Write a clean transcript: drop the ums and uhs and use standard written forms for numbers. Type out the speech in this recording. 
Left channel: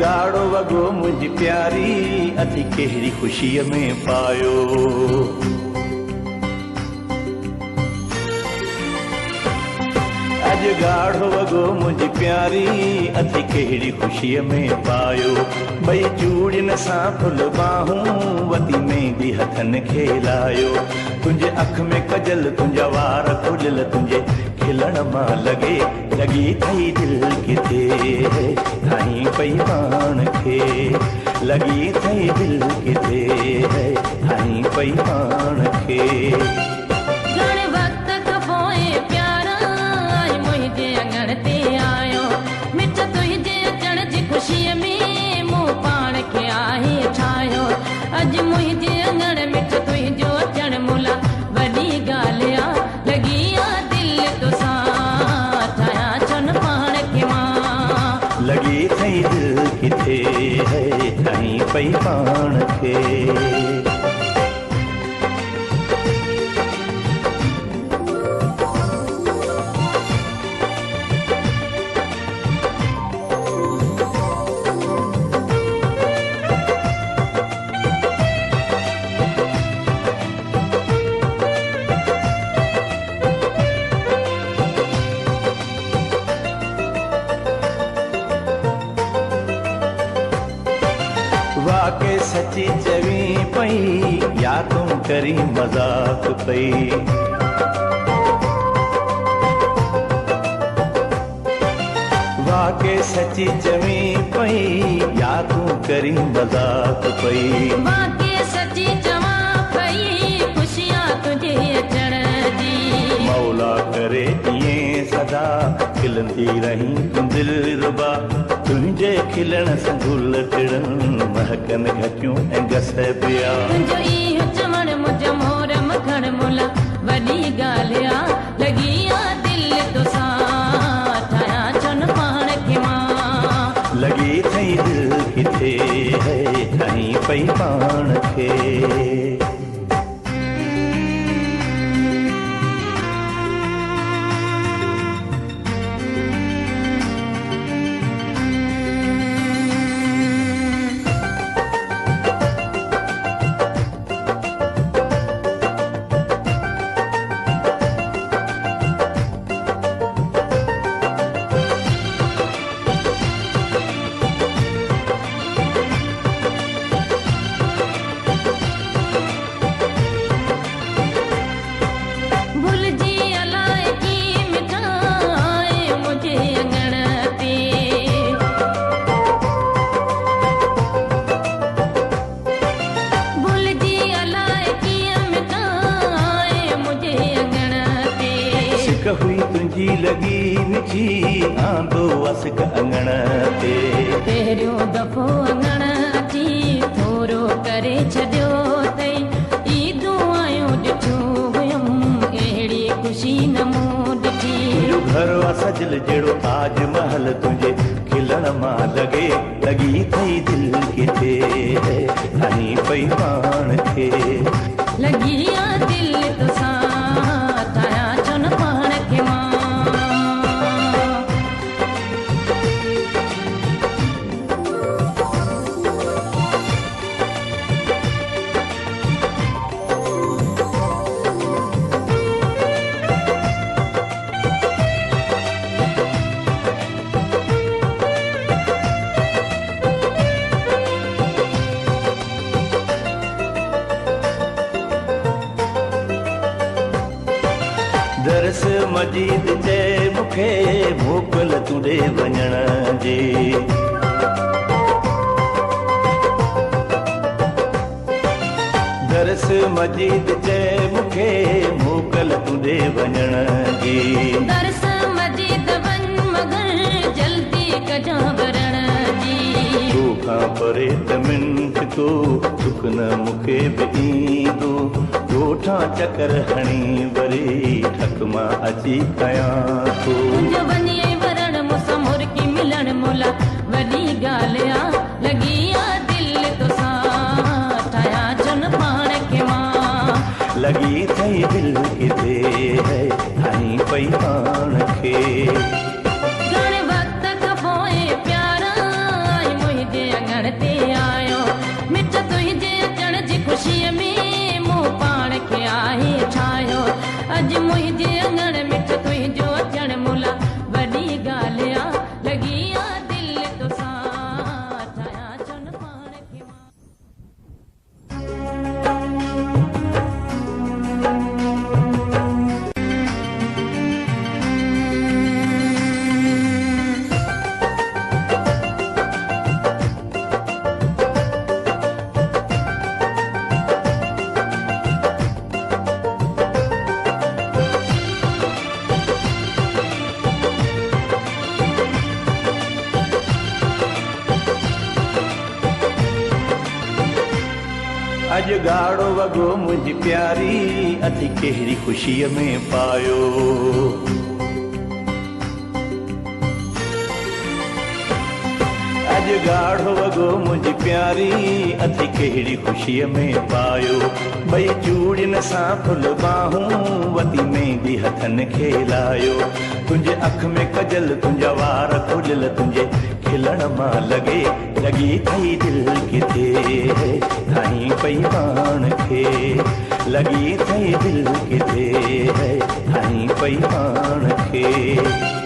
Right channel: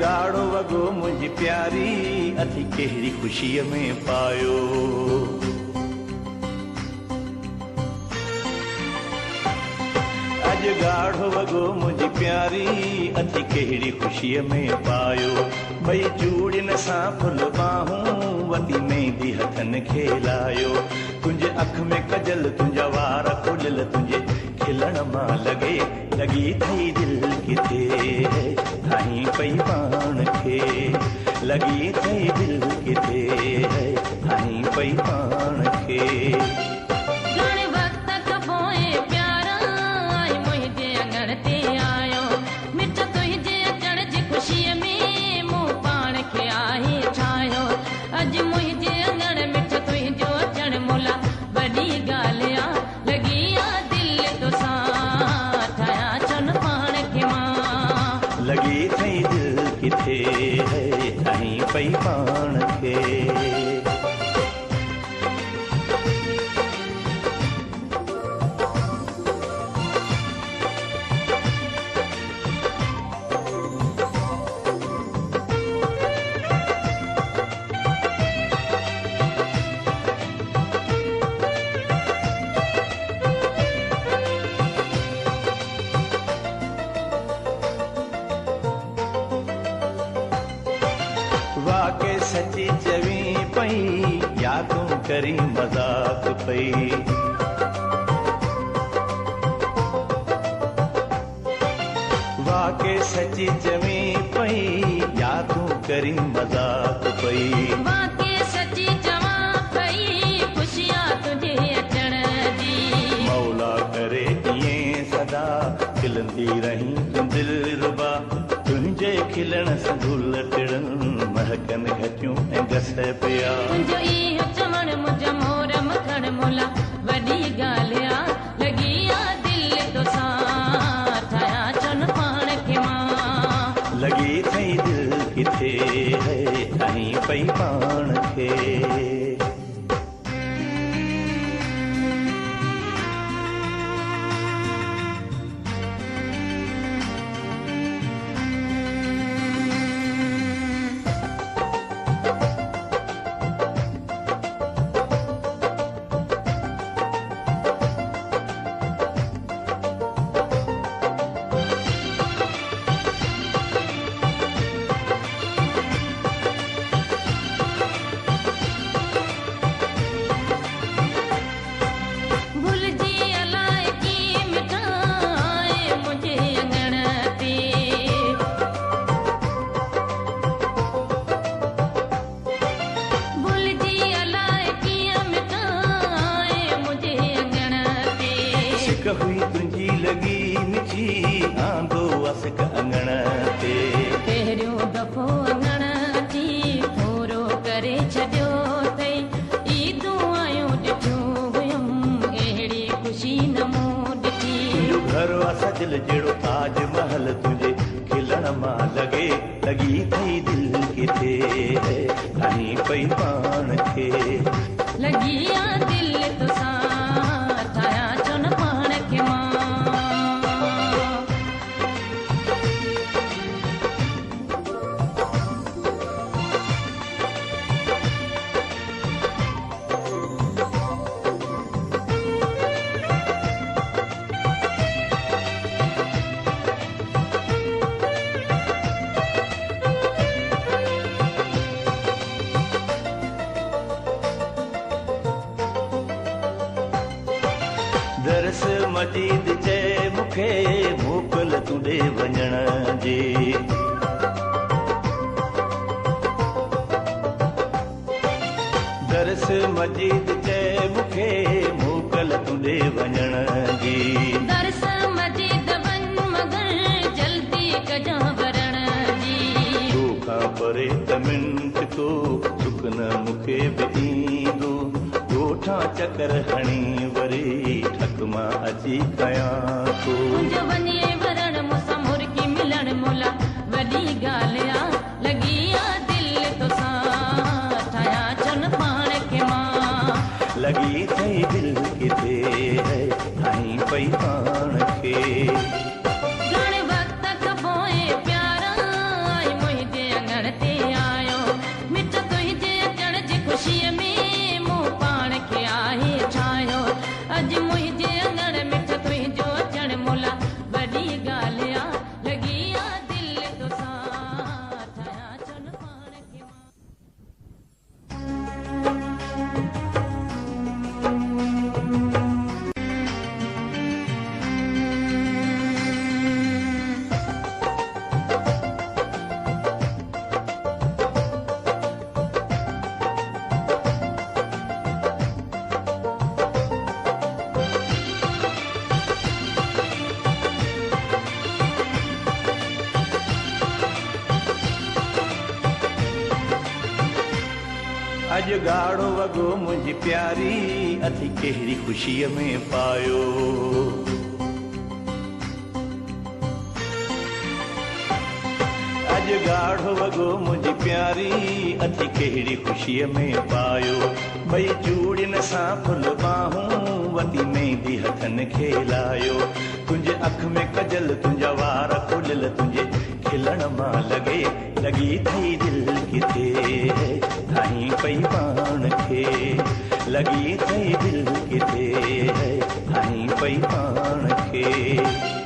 गाढ़ो वॻो मुंहिंजी प्यारी अथी कहिड़ी ख़ुशीअ में पायो। अॼु गाढ़ो वॻो मुंहिंजी प्यारी अथी कहिड़ी ख़ुशीअ में पायो। भई चूड़ियुनि सां फुल बाहूं वती मेहंदी हथनि खे लायो। तुंहिंजे अख में कजल तुंहिंजा वार खुलियल तुंहिंजे खिलण मां लॻे लॻी थई दिलि किथे ठाहीं पई पाण खे। लॻी थई दिलि किथे ठाहीं पई पाण खे। ख़ुशीअ में मूं पाण खे आहे ठाहियो। अॼु मुंहिंजे अङण में तुंहिंजो अचणु मुला वॾी ॻाल्हि आहे। लॻी आहे दिलि तोसां ठाहियां चन पाण खे मां। लॻी थई दिलि किथे ठाहीं पई पाण खे। वाके सची चवी पई या तूं करी मज़ाक पई। वाके सची चवी पई या तूं करी मज़ाक पई। वाके सची चवां पई ख़ुशियां तुंहिंजे अचण जी। मौला करे ईअं सदा खिलंदी रहीं दिलरुबा। तुंहिंजे खिलण सां गुल टिड़नि महकनि घटियूं ऐं घस पिया। तुंहिंजो इहो चवणु मुंहिंजा मोर मखण मुला वॾी ॻाल्हि आहे। लॻी आहे दिलि तोसां ठाहियां चन पाण खे मां। लॻी थई दिलि किथे ठाहीं पई पाण खे। हुई तुंहिंजी लॻी मिठी आंदो असक अङण ते। पहिरियों दफ़ो अङण अची थोरो करे छॾियो अथई। ईदूं आयूं ॾिठियूं हुयमि अहिड़ी ख़ुशी न मूं ॾिठी। तुंहिंजो घर आहे सजल जहिड़ो ताज महल तुंहिंजे खिलण मां लॻे। लॻी थई दिलि किथे ठाहीं पई पाण खे। लॻी आहे दिलि तोसां ठाहियां चन पाण खे मां। दरस मजीद चए मूंखे मोकल तूं ॾे वञण जी। दरस मजीद चए मूंखे मोकल तूं ॾे वञण जी। दरस मजीद वञ मगर जल्दी कजां वरण जी। तोखां परे त मिंट को दुख न मूंखे बि ईंदो। ॻोठां चकर हणी वरी थक मां अची कयां थो। तुंहिंजो वञी वरण मूंसां मुर्गी मिलण मुला वॾी ॻाल्हि आहे। लॻी आहे दिलि तोसां ठाहियां चन पाण खे मां। लॻी थई दिलि किथे ठाहीं पई पाण खे। घणे वक़्त खां पोइ प्यारा आहे छायो अॼु मुंहिंजे अङण में तुंहिंजो अचण मोला वॾी ॻाल्हि आहे लॻी आहे दिलि तोसां ठाहियां छो न पाण खे मां अॼु ॻाढ़ो वॻो मुंहिंजी प्यारी अथी कहिड़ी ख़ुशीअ में पायो अॼु ॻाढ़ो वॻो मुंहिंजी प्यारी अथी कहिड़ी ख़ुशीअ में पायो भई चूड़ियुनि सां फुल बाहूं वती मेहंदी हथनि खे लायो तुंहिंजे अख में कजल तुंहिंजा वार खुलियल तुंहिंजे खिलण मां लॻे लॻी थई दिलि किथे ठाहीं पई पाण खे लॻी थई दिलि किथे ठाहीं पई पाण खे